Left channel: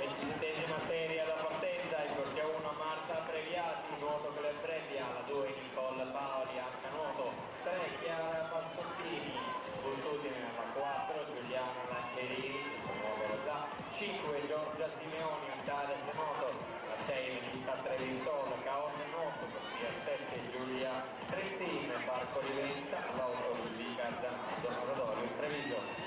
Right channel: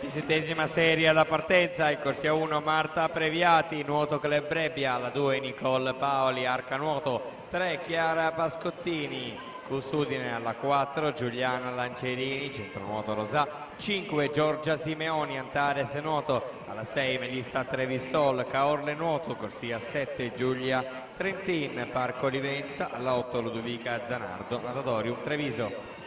27esima serie alla partenza, in corsia 1 Marta Previati, nuoto Club Brebbia, alla 2 Nicole Paoli, arca nuoto, 3 Chiara Pascottini, Custudine alla 4 Giuliana Lancerini, centronuoto Rosà, 5 Giorgia Simeoni, Antares nuoto, alla 6 Melissa Trevisol, Caorle nuoto, corsia 7 Giulia Trentin, Parco Livenza, alla 8 Ludovica Zanardo, Adadorium Treviso.